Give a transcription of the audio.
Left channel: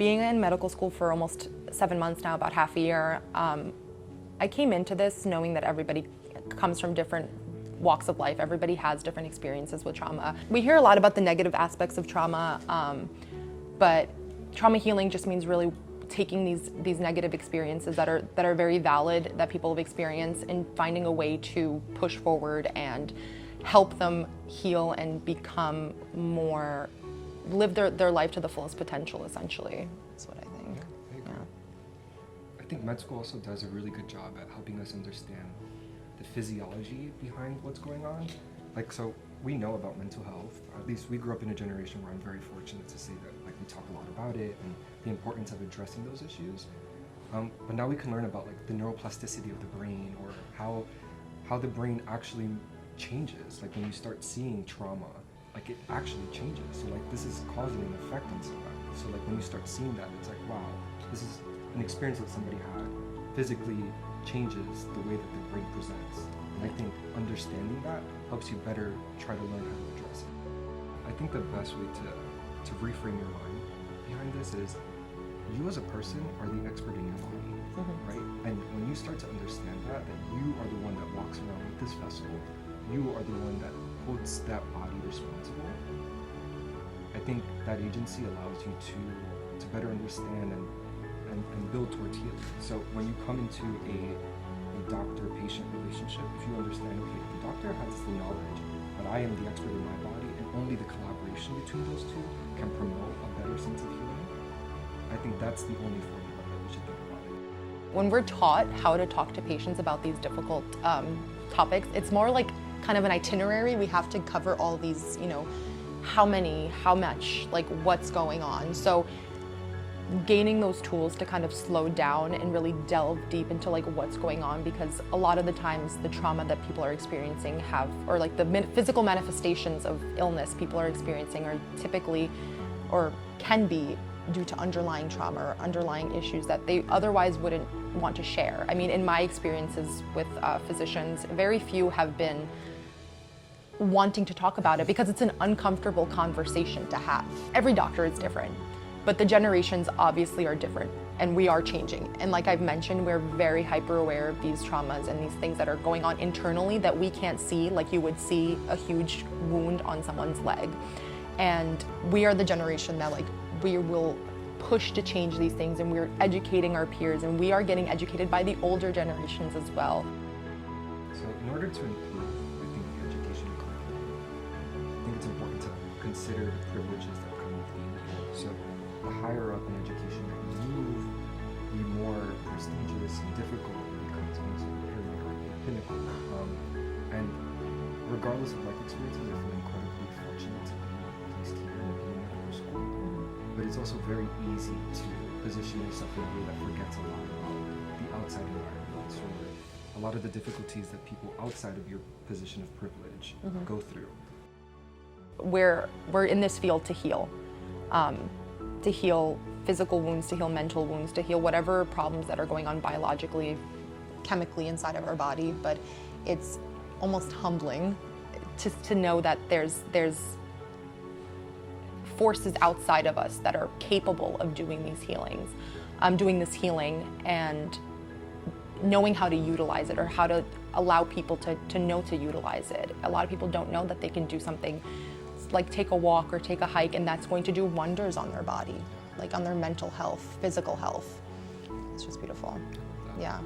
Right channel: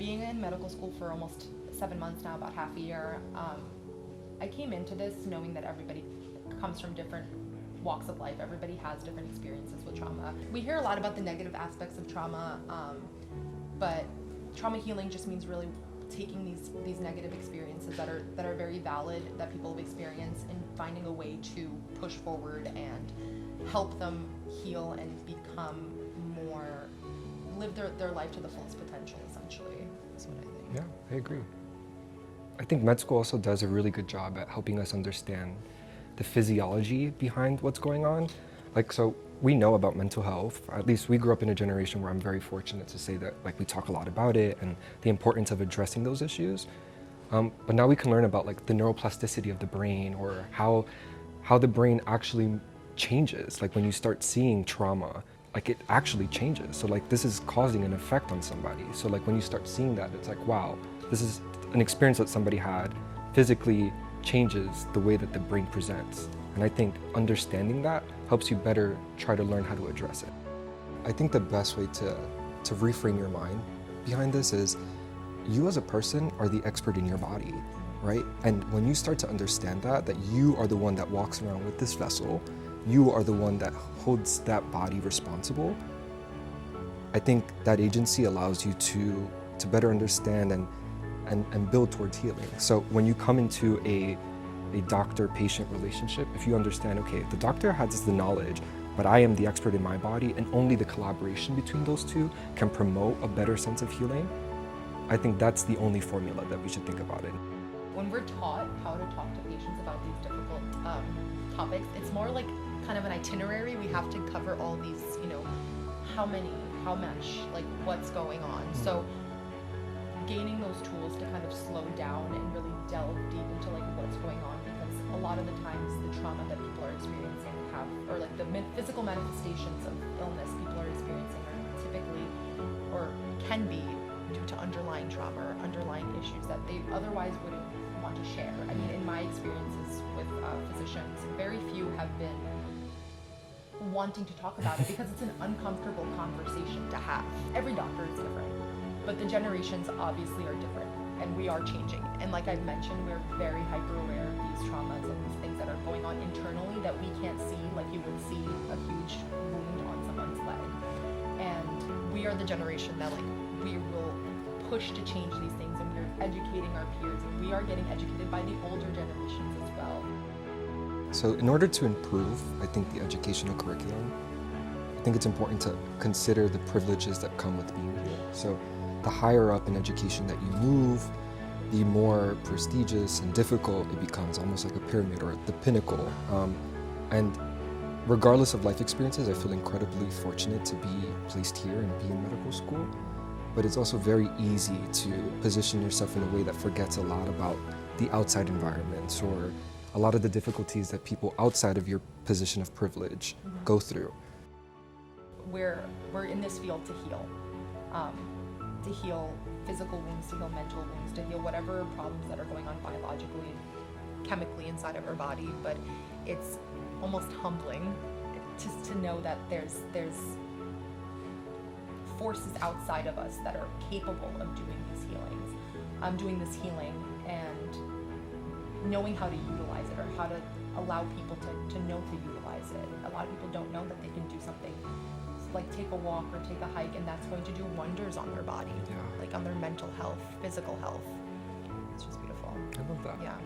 Being in medical school for almost 7 months now, about half a year, I came into this knowing that everybody comes from different walks of life. Everybody has different experiences with trauma. We hear a lot about the negative aspects of trauma, but trauma healing just means really taking these negative experiences that are very valid, that people have experienced, and finding a way to push forward and help them heal and become more, live their life to the fullest potential, essentially. That's what I think. Yeah, I agree. I think med school also does a really good job at helping us understand the physiology behind what's going on. Like, so we know about mental health. At least we grew up in a generation where I'm very fortunate to say that, like, we talk a lot about it and the importance of addressing those issues. But now we can learn about, like, the neuroplasticity of the brain, or how the brain actually changes. Like, when you start seeing trauma, like, it actually changes. So, like, this is causing an effect on somebody. So, like, when you start seeing that, it's like, wow, this is an experience that somebody had physically changes the way that the brain presents. And I think understanding that helps you better try to learn how to address it. I think the best way to reframe your mind behind this is, you as a person are the expert in your body, right? And when you start to understand that you are the one that walks around with this vessel, you are the one that holds that body responsible, I think that agency allows you to better understand and build towards healing. So when you come into a doctor-patient relationship, if you understand, okay, the doctor has the knowledge, but I am the expert in my body, and only the collaboration between those two can promote a better sense of healing, I think that's the only formula that we should think about it. When we're taught how to talk to patients about these difficult topics, it's more like kind of an itinerary. We have to cover all these, how many, how much, like what's going on. So gaining those tools to kind of slow down and really delve deep into like what's going on, because a lot of the times the trauma that people are experiencing or like the physical manifestations of illness people are experiencing are typically, or can be, due to underlying trauma or underlying issues that they otherwise wouldn't want to share. I mean, in my experiences with physicians, very few have been wanting to talk about it because it's an uncomfortable conversation to have. Every doctor is different, but the generations obviously are different, and we are changing. And like I've mentioned, we're very hyper aware of these traumas and these things that are going on internally that we can't see, like you would see a huge wound on someone's leg. And we are the generation that, like, we will push to change these things, and we're educating our peers, and we are getting educated by the older generations as well. So in order to improve, I think, the educational curriculum, I think it's important to consider the privileges that come with being here. So the higher up in education that you move, the more prestigious and difficult it becomes, almost like a pyramid or the pinnacle. And regardless of life experiences, I feel incredibly fortunate to be placed here and be in medical school. But it's also very easy to position yourself in a way that forgets a lot about the outside environments, or a lot of the difficulties that people outside of your position of privilege go through. We're in this field to heal physical wounds, to heal mental wounds, to heal whatever problems that are going on biologically, chemically inside of our body. But it's almost humbling to know that there's forces outside of us that are capable of doing these healings, doing this healing, and knowing how to utilize it, or how to allow people to know to utilize it. A lot of people don't know that they can do something like take a walk or take a hike, and that's going to do wonders on their body, like on their mental health, physical health. It's just beautiful. I love that. Yeah.